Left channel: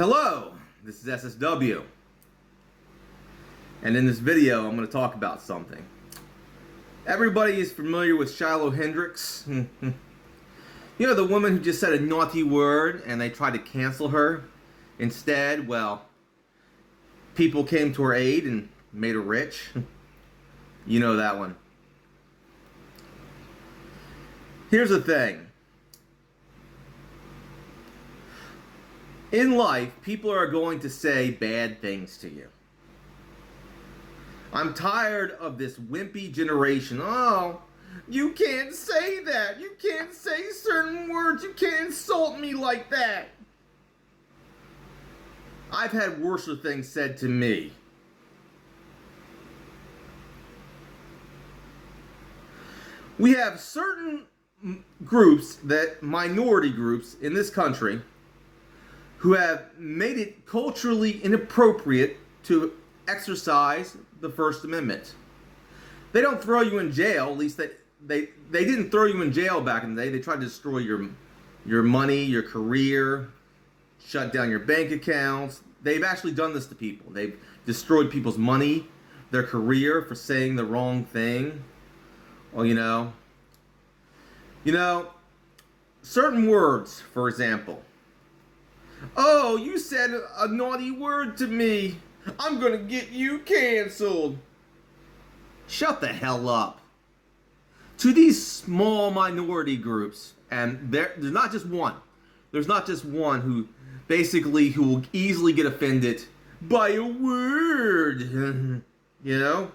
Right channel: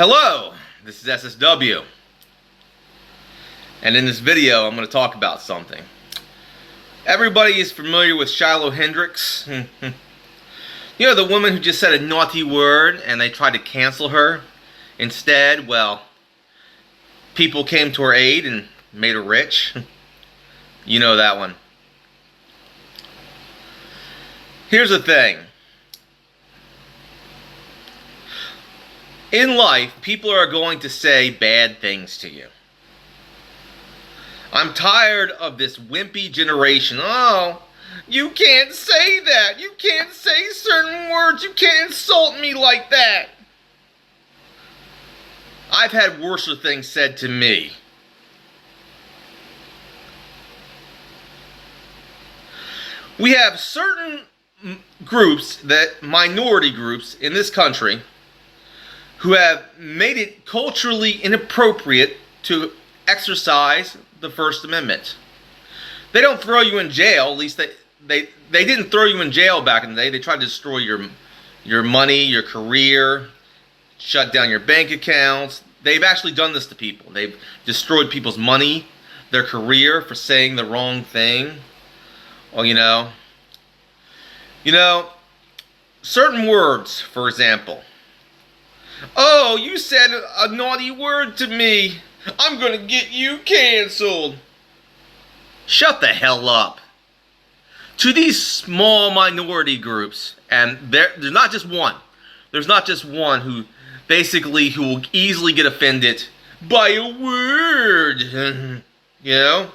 Hello, this is SSW, and in this video I'm going to talk about something. Everybody is familiar with Shiloh Hendricks. You know, the woman who just said a naughty word and they tried to cancel her. Instead, well, people came to her aid and made her rich. You know that one. Here's the thing. In life, people are going to say bad things to you. I'm tired of this wimpy generation. Oh, you can't say that. You can't say certain words. You can't insult me like that. I've had worse things said to me. We have certain groups, minority groups in this country, who have made it culturally inappropriate to exercise the First Amendment. They don't throw you in jail. At least they didn't throw you in jail back in the day. They tried to destroy your money, your career, shut down your bank accounts. They've actually done this to people. They've destroyed people's money, their career for saying the wrong thing. Or, you know, certain words, for example. Oh, you said a naughty word to me. I'm gonna get you canceled. Shut the hell up. To these small minority groups, and there's not just one. There's not just one who will easily get offended by a word. You know?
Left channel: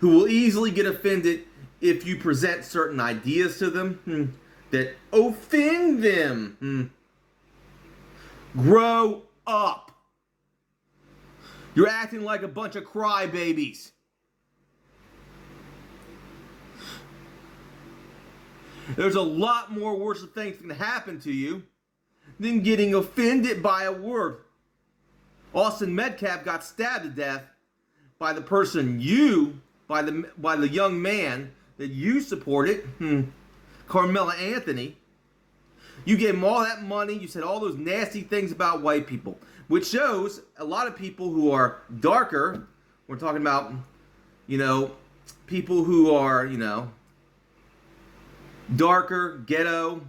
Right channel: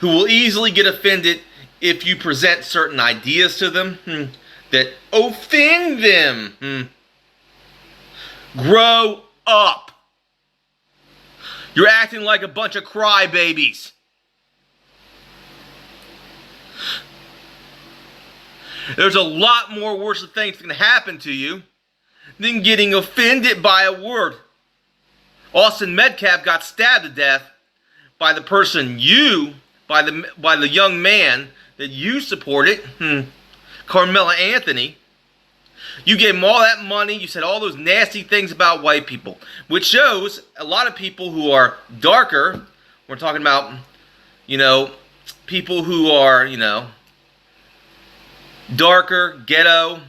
Who will easily get offended if you present certain ideas to them that offend them. Grow up. You're acting like a bunch of crybabies. There's a lot more worse things that can happen to you than getting offended by a word. Austin Metcalf got stabbed to death by the person by the young man that you supported, Carmela Anthony. You gave him all that money. You said all those nasty things about white people, which shows a lot of people who are darker. We're talking about, people who are, darker, ghetto.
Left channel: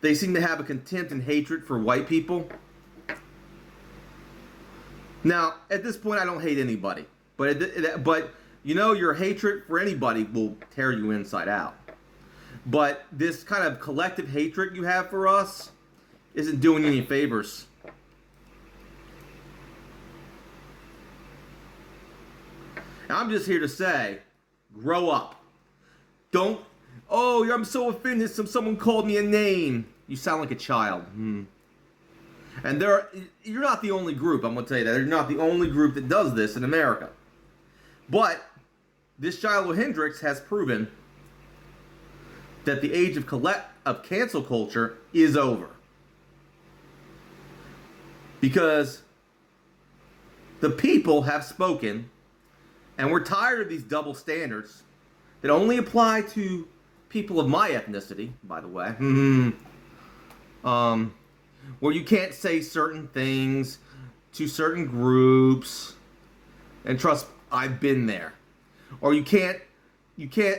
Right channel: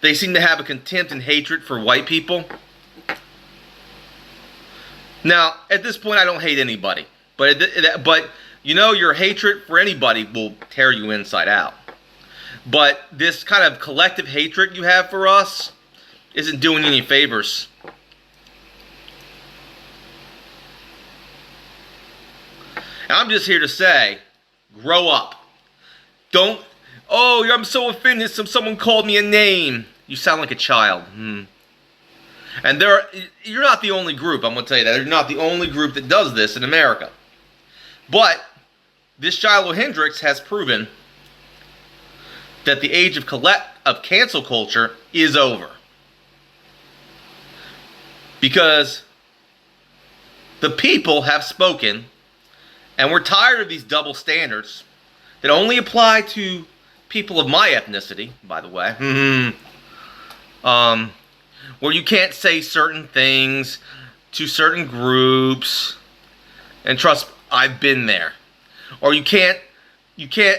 They seem to have a contempt and hatred for white people. Now, at this point, I don't hate anybody, but your hatred for anybody will tear you inside out. But this kind of collective hatred you have for us isn't doing you any favors. And I'm just here to say, grow up. I'm so offended someone called me a name. You sound like a child. And you're not the only group, I'm going to tell you that. You're not the only group that does this in America. But this Shiloh Hendricks has proven that the age of cancel culture is over. Because the people have spoken, and we're tired of these double standards that only apply to people of my ethnicity, by the way. Where you can't say certain things to certain groups. And trust, I've been there. Or you can't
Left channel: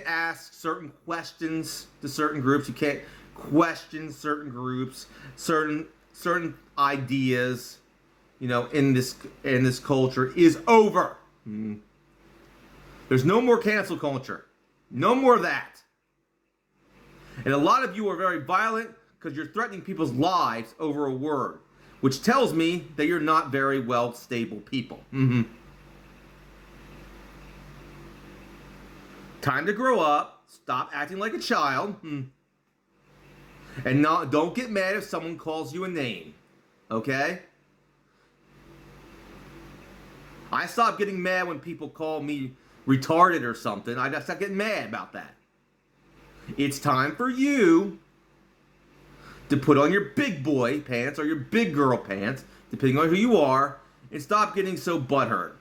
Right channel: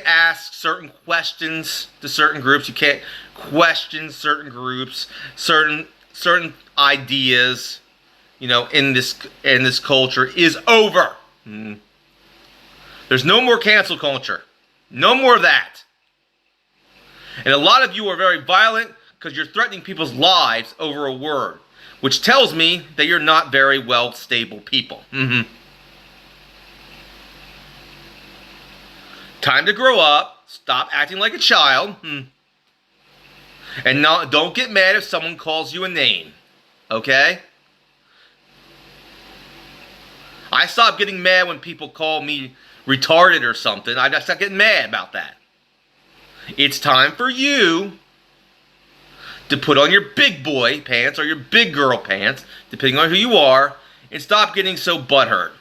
ask certain questions to certain groups. You can't question certain groups, certain ideas, in this culture is over. There's no more cancel culture. No more of that. And a lot of you are very violent because you're threatening people's lives over a word, which tells me that you're not very well stable people. Time to grow up. Stop acting like a child. And don't get mad if someone calls you a name. Okay? I stopped getting mad when people call me retarded or something. I stopped getting mad about that. It's time for you to put on your big boy pants or your big girl pants, depending on who you are, and stop getting so butthurt.